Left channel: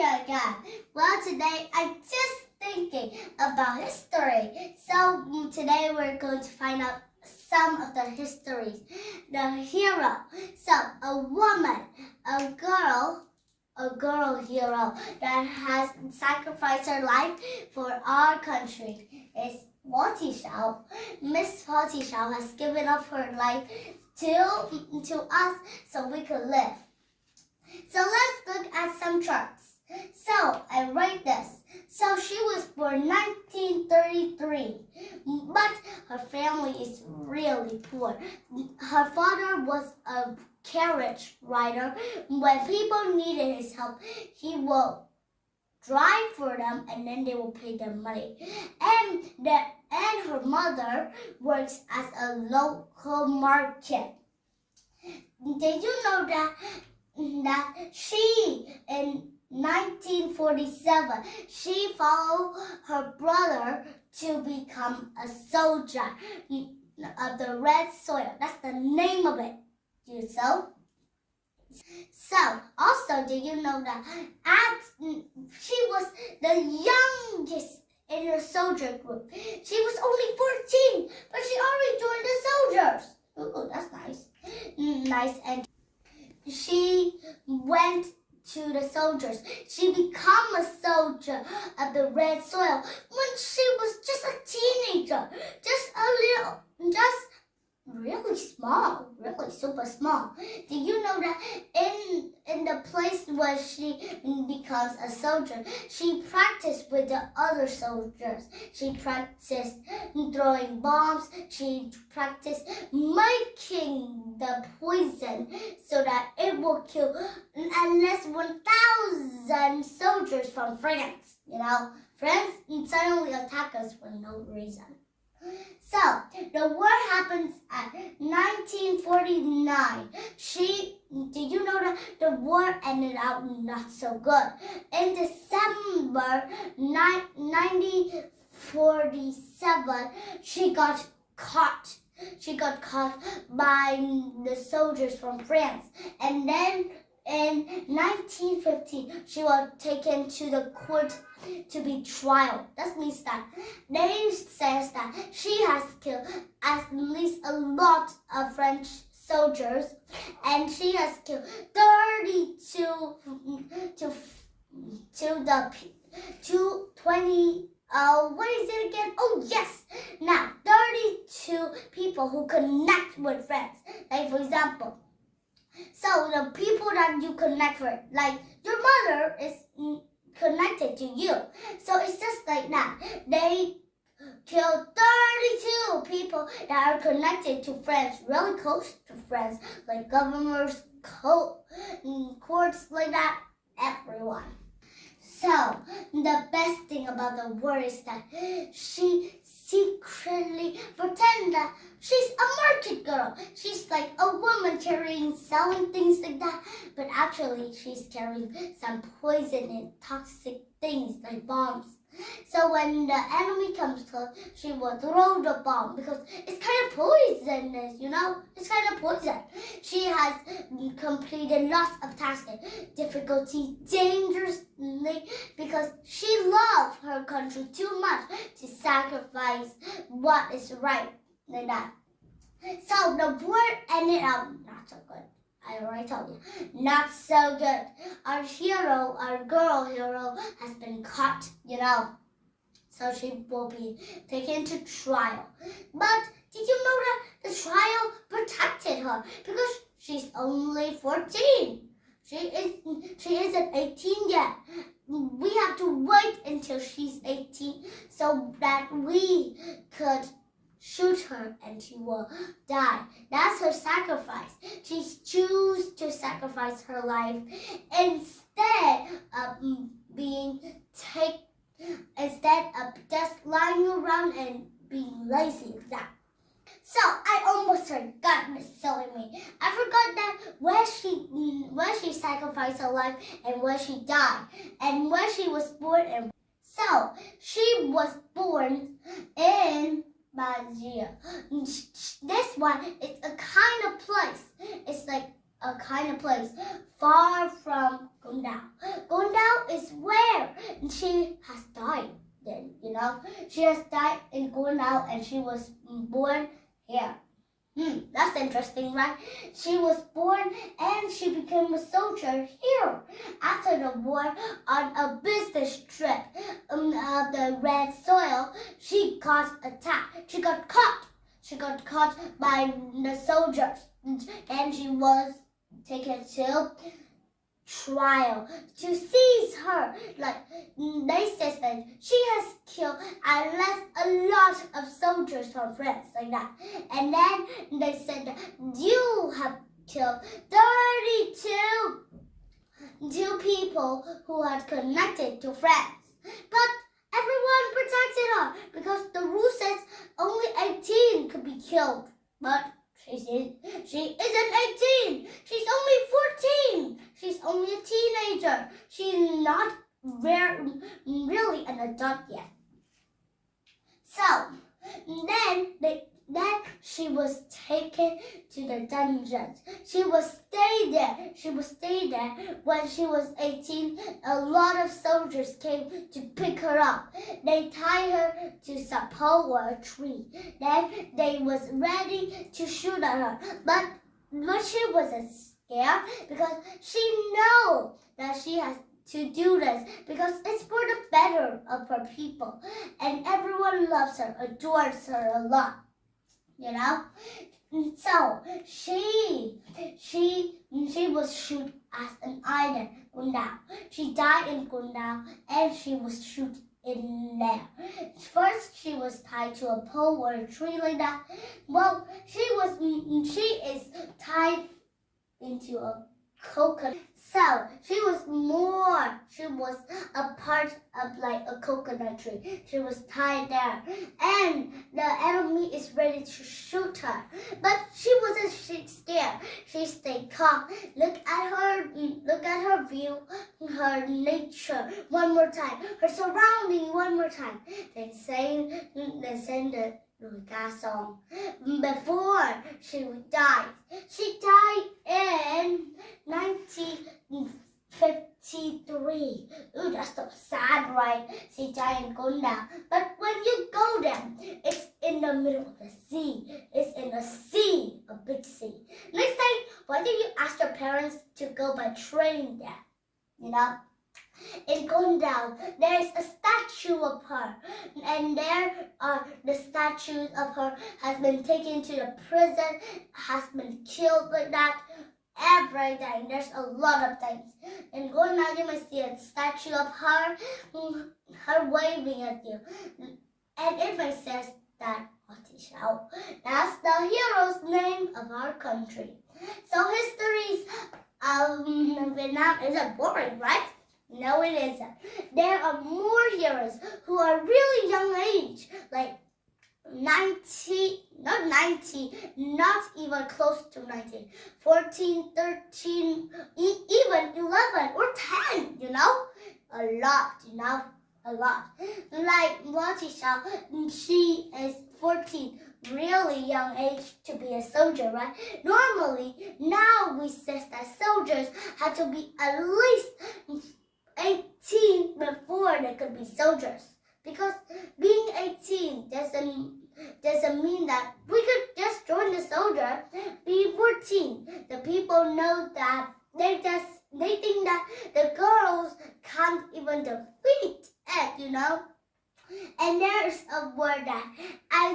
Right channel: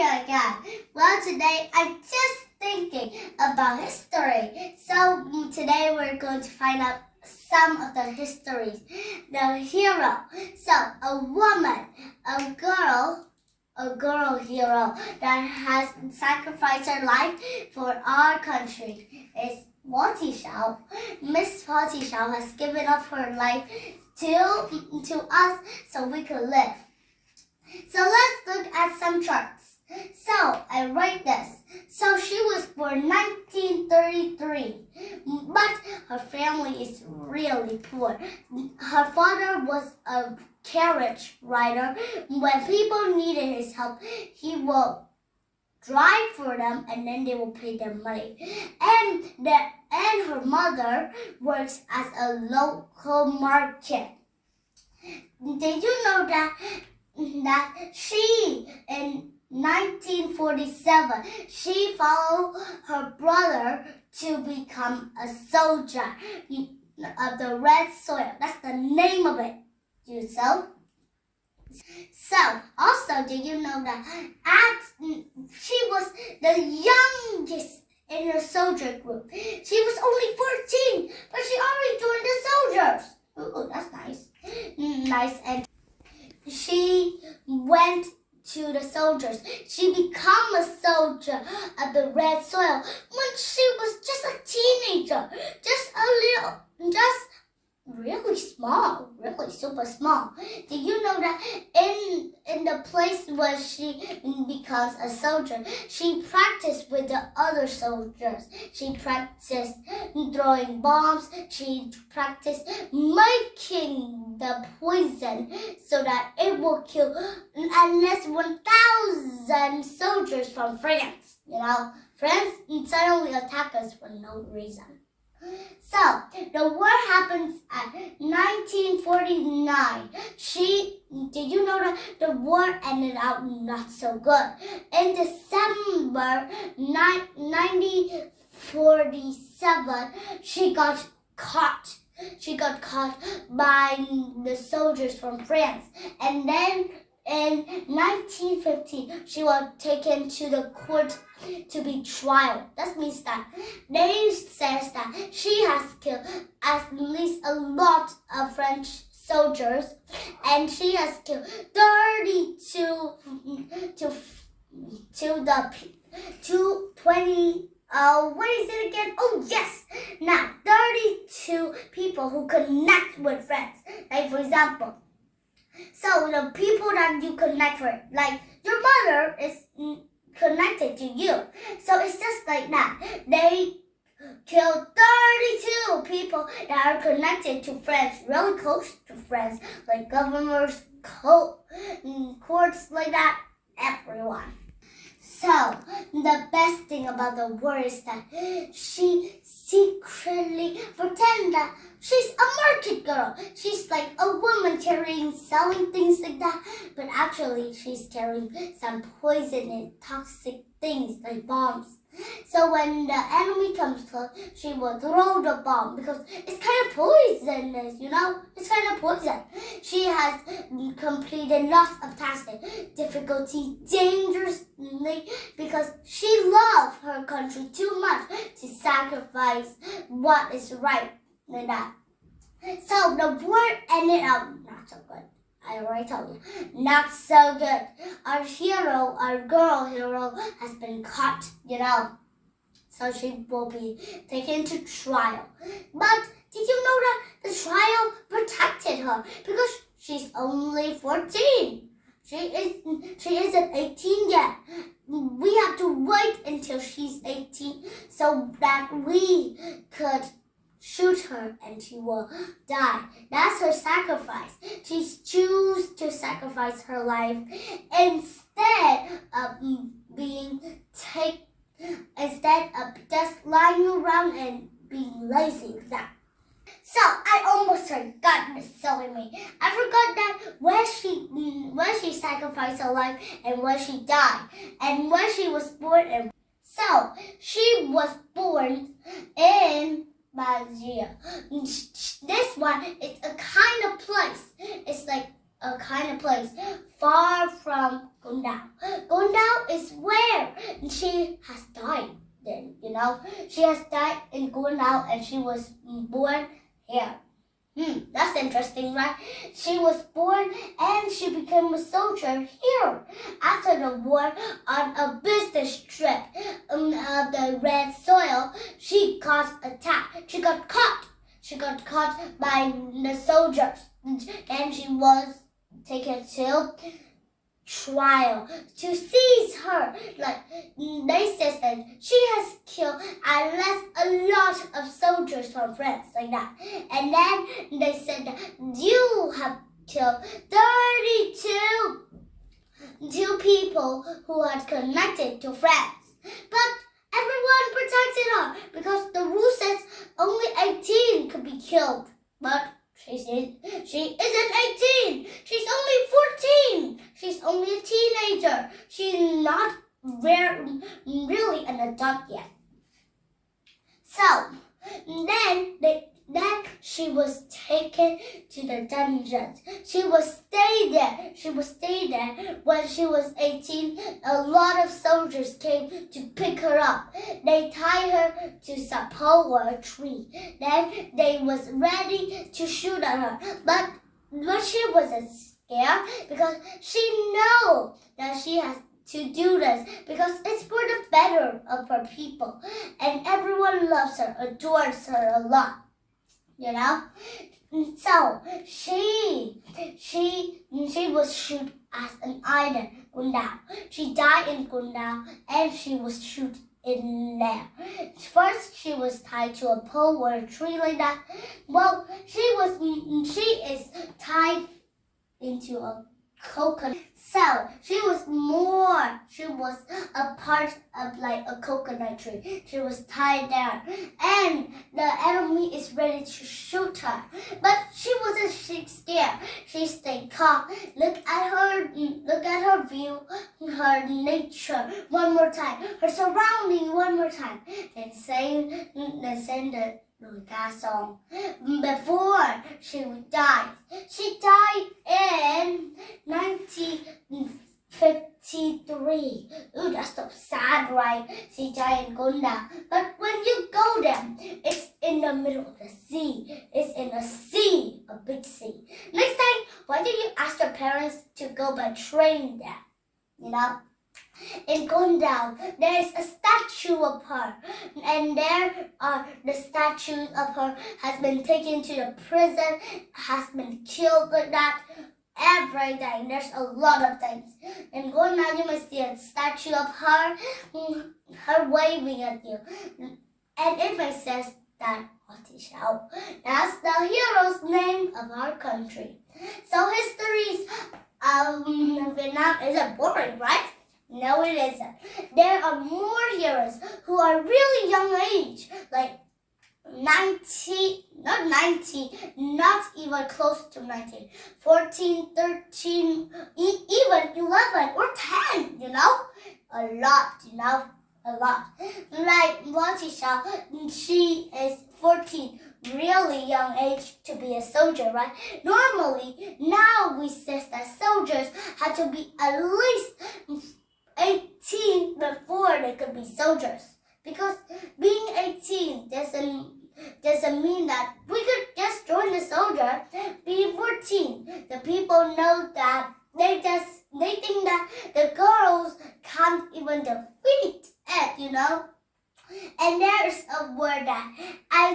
here again. Well, today I'm just thinking about history. So today we're going to find out some of the histories. The hero. So a woman, a girl hero that has sacrificed her life for our country is Thị Sáu. Miss Thị Sáu has given up her life to us so we could live. So let's look at some charts. So I write this. So she was born 1933, but her family is really poor. Her father was a carriage rider. When people needed his help, he will drive for them and then they will pay them money. And her mother works as a local market. Did you know that she in 1947 she followed her brother to become a soldier of the Red Soil. That's the name of it. So also, did you know that she was the youngest in her soldier group? She was only 14, but she already joined the soldiers. Ooh, that's nice. And she went to the soldiers. She became a soldier of the Red Soil when she was just a teenager, just really small, really super small. Did you know that in the place where she becomes a soldier, she practiced with the other soldiers. She practiced throwing bombs. She practiced making the poison so that it will kill at least 1,000 soldiers from France. France suddenly attack us for no reason. So, the war happens at 1949. Did you know that the war ended out not so good? In December 1947, she got caught. She got caught by the soldiers from France. And then in 1950, she was taken to the court to be tried. That means that they says that she has killed at least a lot of French soldiers, and she has killed 32 people who connect with friends. Like, for example, so the people that you connect with, like your mother is connected to you. So it's just like that. They killed 32 people that are connected to friends, really close to friends, like governors, courts, like that, everyone. So the best thing about the war is that she secretly pretends that she's a market girl. She's like a woman selling things like that. But actually, she's carrying some poison and toxic things like bombs. So when the enemy comes close, she will throw the bomb because it's kind of poisonous, It's kind of poison. She has completed lots of tasks, difficulty, dangerously, because she loves her country too much to sacrifice what is right like that. So the war ended out not so good. I already told you, not so good. Our hero, our girl hero, has been caught, So she will be taken to trial. But did you know that the trial protected her because she's only 14? She isn't 18 yet. We have to wait until she's 18 so that we could shoot her and she will die. That's her sacrifice. She chose to sacrifice her life instead of just lying around and being lazy like that. So I almost forgot, Miss Silly Me. I forgot that where she sacrificed her life and where she died and where she was born. And so she was born in Malaysia. This one is a kind of place. It's like a kind of place far from Gondau. Gondau is where she has died. Then, she has died in Gunao and she was born here. That's interesting, right? She was born and she became a soldier here. After the war, on a business trip of the red soil, she got attacked. She got caught. She got caught by the soldiers, and she was taken to trial to seize her. They said that she has killed at least a lot of soldiers from France, like that. And then they said that you have killed 32 people who had connected to France. But everyone protected her because the rule says only 18 could be killed. But she isn't 18. She's only 14. She's only a teenager. She's not really an adult yet. So then she was taken to the dungeons. She will stay there. She will stay there. When she was 18, a lot of soldiers came to pick her up. They tied her to some pole or a tree. Then they was ready to shoot at her. But she wasn't scared because she know that she has to do this because it's for the better of her people. And everyone loves her, adores her a lot. So she was shot as an idol, Gunao. She died in Gunao and she was shot in there. First, she was tied to a pole or a tree like that. Well, she is tied into a coconut. So she was a part of like a coconut tree. She was tied there, and the enemy is ready to shoot her. But she wasn't scared. She stayed calm. Look at her view, her nature one more time, her surrounding one more time. Then sing the Ruta song. Before she died. She died in 1953. Ooh, that's so sad, right? She died in Gonda. But when you go there, it's in the middle of the sea. It's in a sea, a big sea. Next time, why don't you ask your parents to go by train there? In Gondal, there is a statue of her, and the statue of her has been taken to the prison, has been killed like that. Everything. There's a lot of things. In Gondal, you may see a statue of her waving at you, and it may says that Thị Sáu. That's the hero's name of our country. So histories of Vietnam isn't boring, right? No, it isn't. There are more heroes who are really young age, like 90, not even close to 19, 14, 13, even 11 or 10, a lot, a lot. Like Thị Sáu, she is 14, really young age to be a soldier, right? Normally, now we say that soldiers have to be at least 18 before they could be soldiers, because being 18 doesn't mean that we could just join the soldier. Being 14, the people know that they think that the girls can't even defeat it, And there's a word that I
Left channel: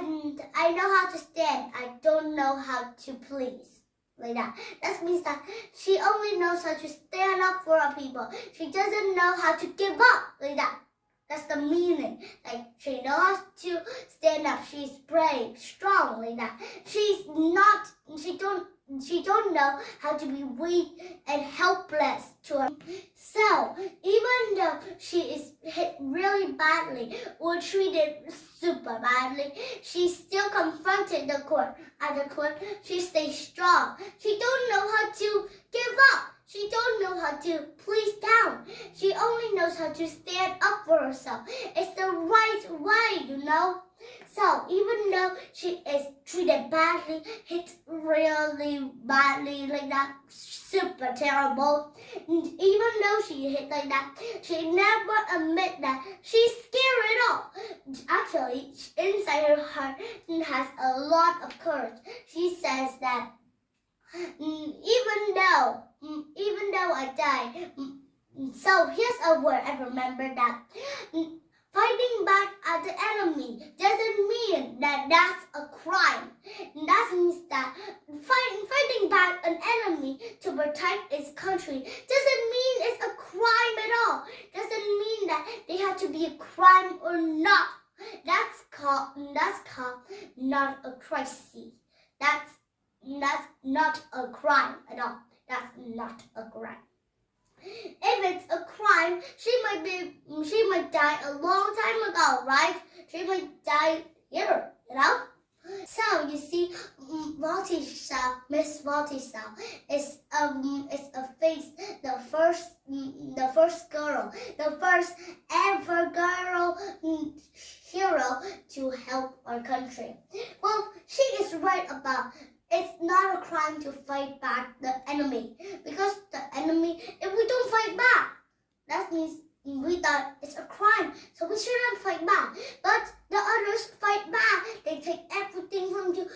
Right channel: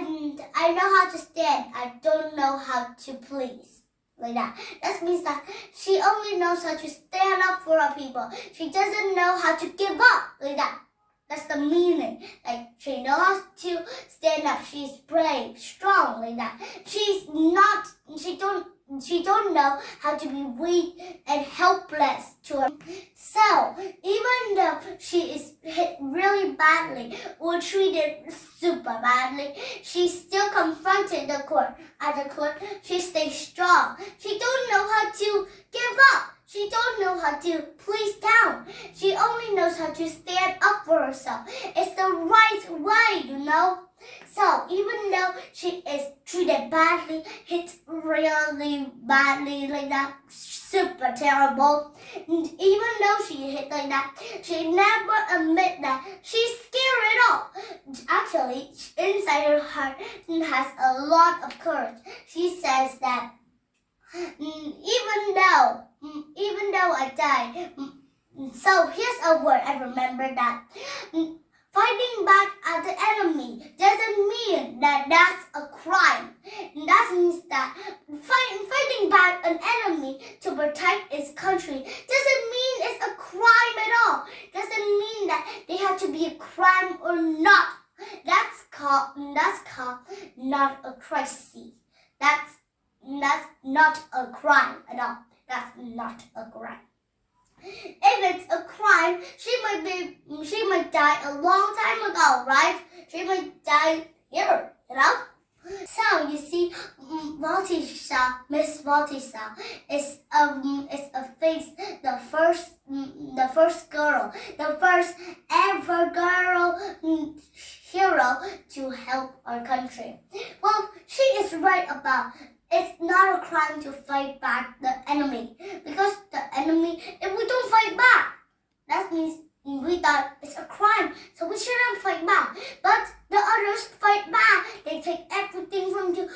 know how to stand, I don't know how to please. Like that. That means that she only knows how to stand up for her people. She doesn't know how to give up. Like that. That's the meaning. Like, she knows how to stand up. She's brave, strong, like that. She don't know how to be weak and helpless to her. So, even though she is hit really badly or treated super badly, she still confronted the court. At the court, she stays strong. She don't know how to give up. She don't know how to please down. She only knows how to stand up for herself. It's the right way, So even though she is treated badly, hit really badly like that, super terrible, even though she hit like that, she never admit that she's scared at all. Actually, inside her heart has a lot of courage. She says that even though I die, so here's a word I remember that. Fighting back at the enemy doesn't mean that that's a crime. That means that fighting back an enemy to protect its country doesn't mean it's a crime at all. Doesn't mean that they have to be a crime or not. That's called not a crisis. That's not a crime at all. That's not a crime. If it's a crime, she might die a long time ago, right? She might die here, So you see, Miss Voltisau is a face, the first girl, the first ever girl hero to help our country. Well, she is right about. It's not a crime to fight back the enemy, because the enemy, if we don't fight back, that means we thought it's a crime, so we shouldn't fight back. But the others fight back. They take everything from you.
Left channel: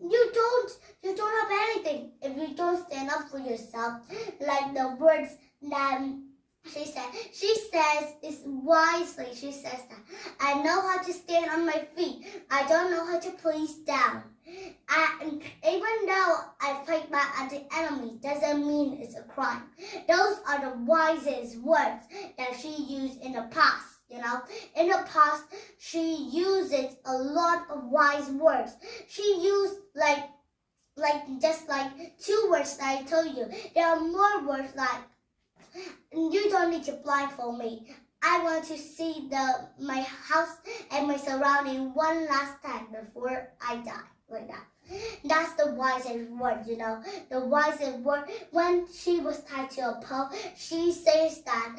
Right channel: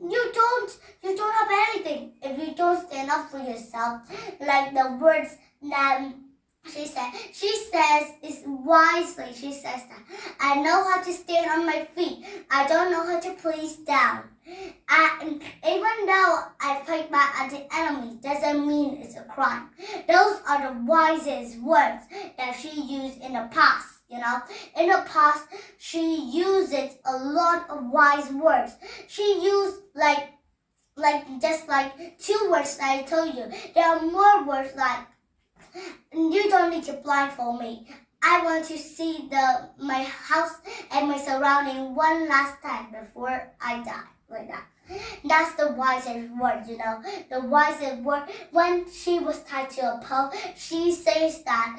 You don't have anything if you don't stand up for yourself. Like the words that she says is wisely. She says that I know how to stand on my feet. I don't know how to place down. And even though I fight back at the enemy, doesn't mean it's a crime. Those are the wisest words that she used in the past. In the past, she uses a lot of wise words. She used just like 2 words that I told you. There are more words like, you don't need to blindfold me. I want to see my house and my surrounding one last time before I die. Like that. That's the wisest word, The wisest word, when she was tied to a pole, she says that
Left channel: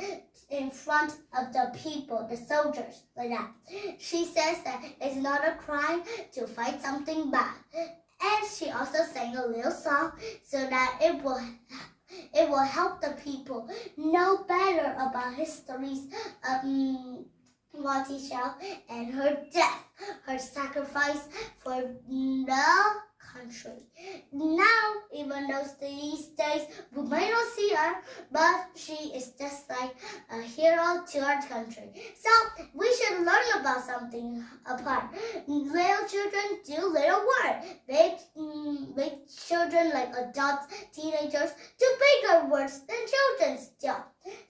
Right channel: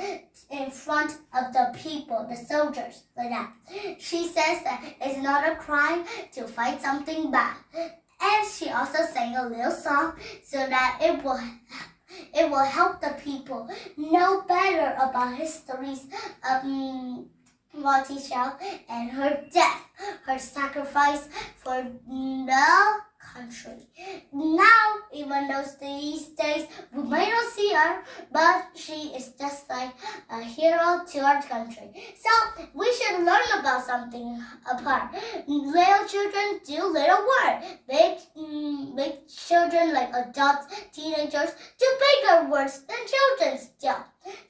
in front of the people, the soldiers, like that. She says that it's not a crime to fight something bad. And she also sang a little song so that it will help the people know better about histories of Voltisau and her death, her sacrifice for the country. Now, even though these days we may not see her, but she is just like a hero to our country. So we should learn about something apart. Little children do little work. Big children, like adults, teenagers, do bigger words than children's do.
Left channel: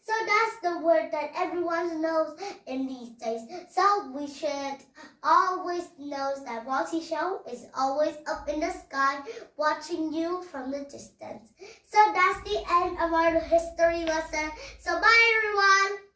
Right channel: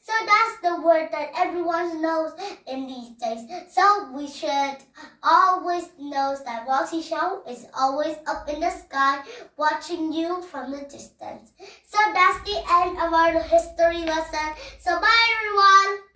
So that's the word that everyone knows in these days. So we should always know that Voltisau is always up in the sky watching you from the distance. So that's the end of our history lesson. So bye everyone.